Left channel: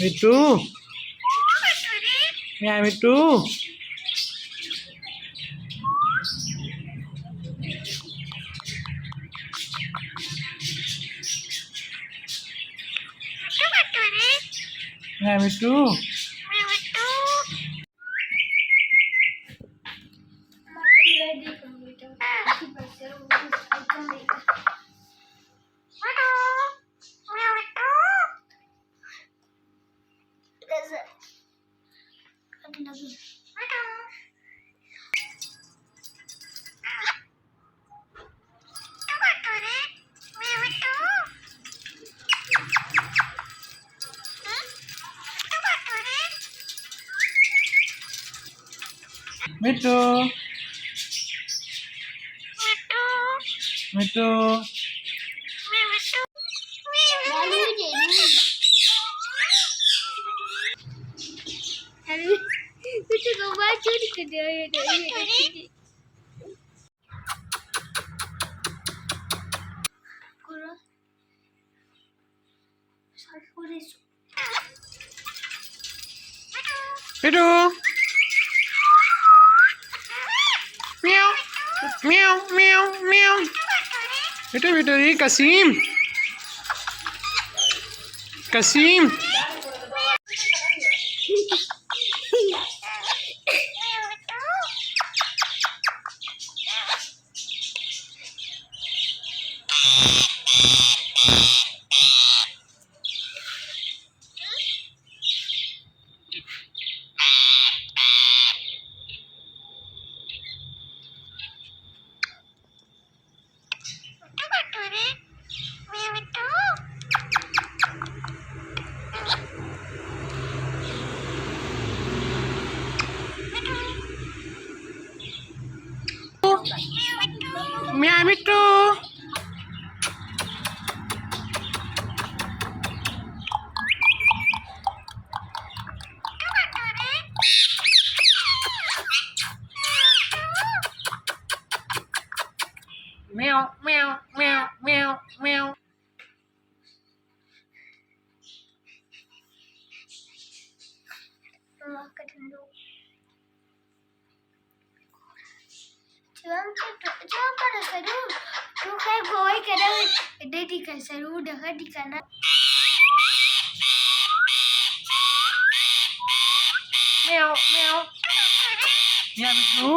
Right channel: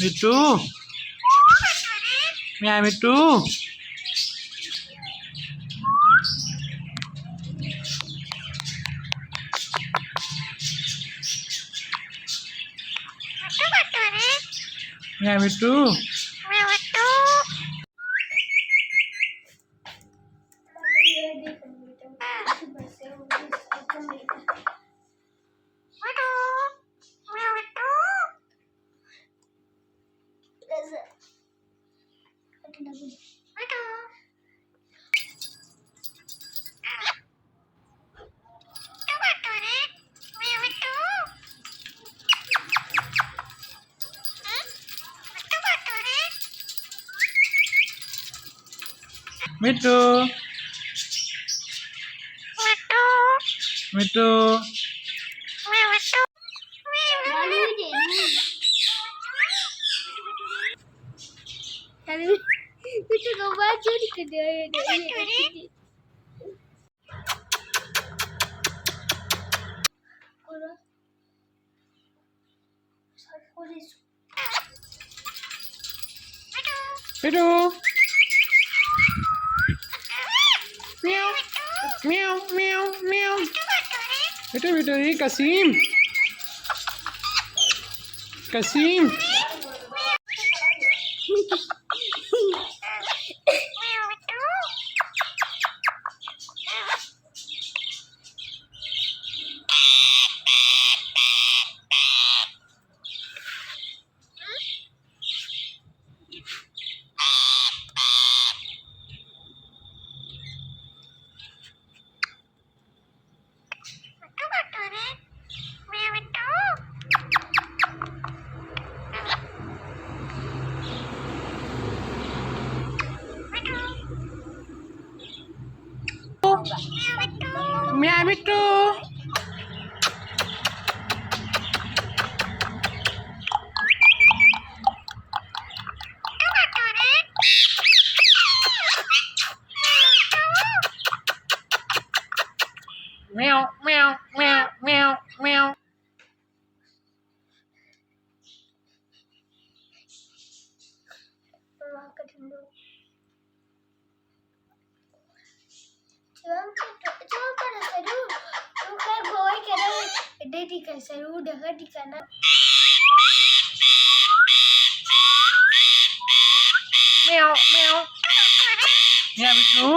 Mittu Miya Mittu Miya Mittu Mittu Mittu Kita kau baca di kedai ada ini. Korang, sorry for this. Mittu meow meow meow meow Mittu Mittu Kasim Kasim Miya Mittu meow meow meow meow meow Allah kedua. Cuma pada seru. Tu kayak boy kadang ada di kan seru dah di kanan. meow meow miya mitrু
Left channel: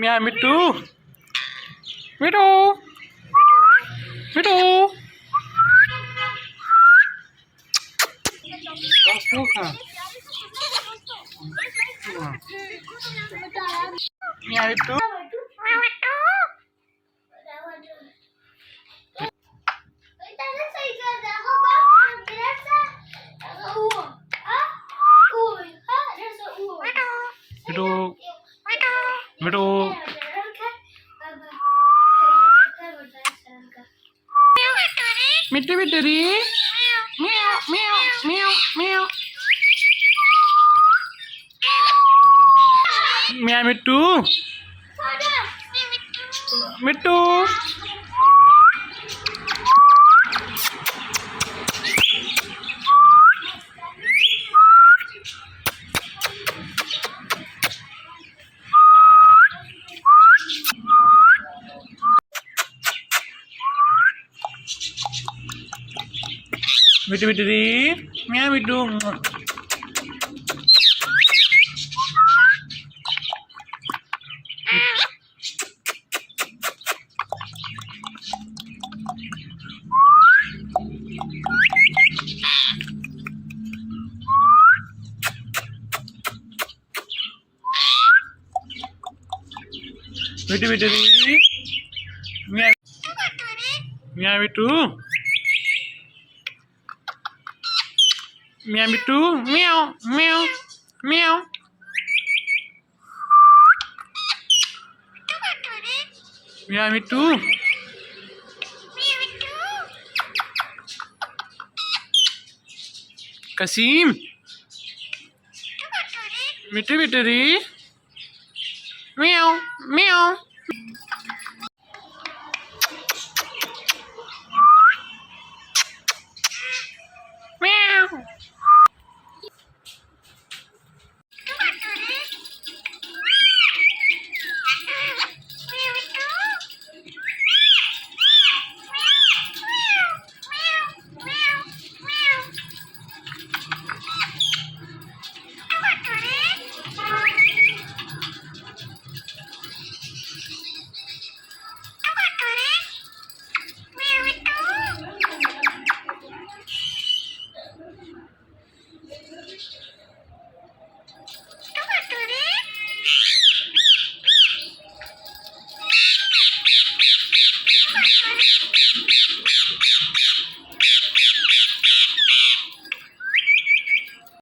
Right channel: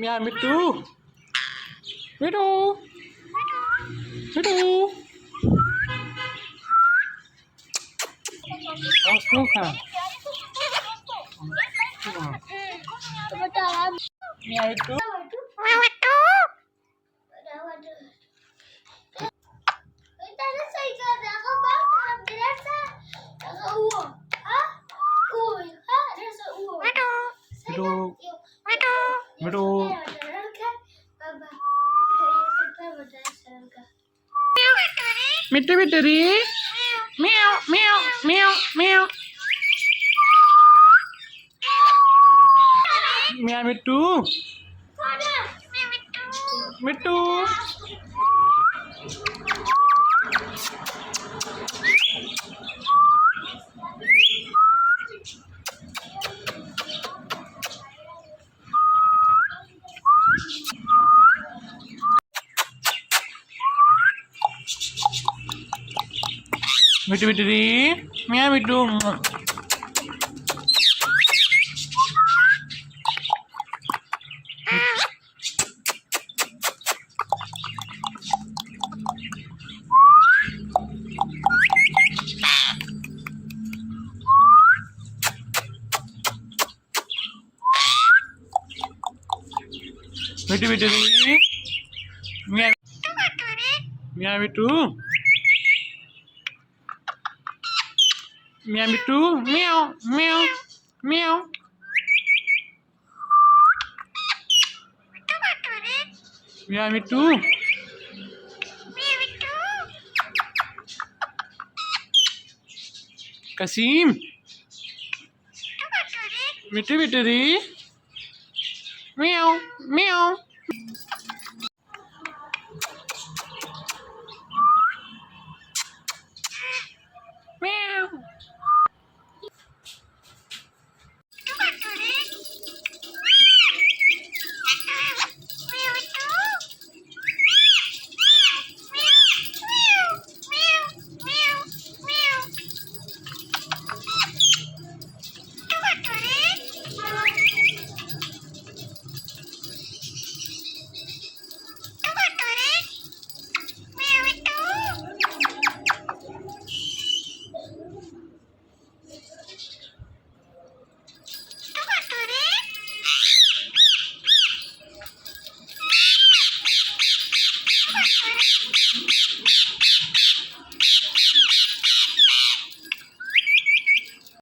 মিয়া মিট্টু মিট্টু মিট্টু মিয়া মিট্টু mitrু mitrু मिट्टू मिट्टू री meow meow meow meow मिया मिट्टू मिट्टू मिट्टू मिट्टू री मिया मिट्टू मिट्टू मिट्टू री मिया मिया मिट्टू मिया मिट्टू म्याओ म्याओ म्याओ मिया मिट्टू कसीम मिठू बिटुरी म्याव म्याव म्याव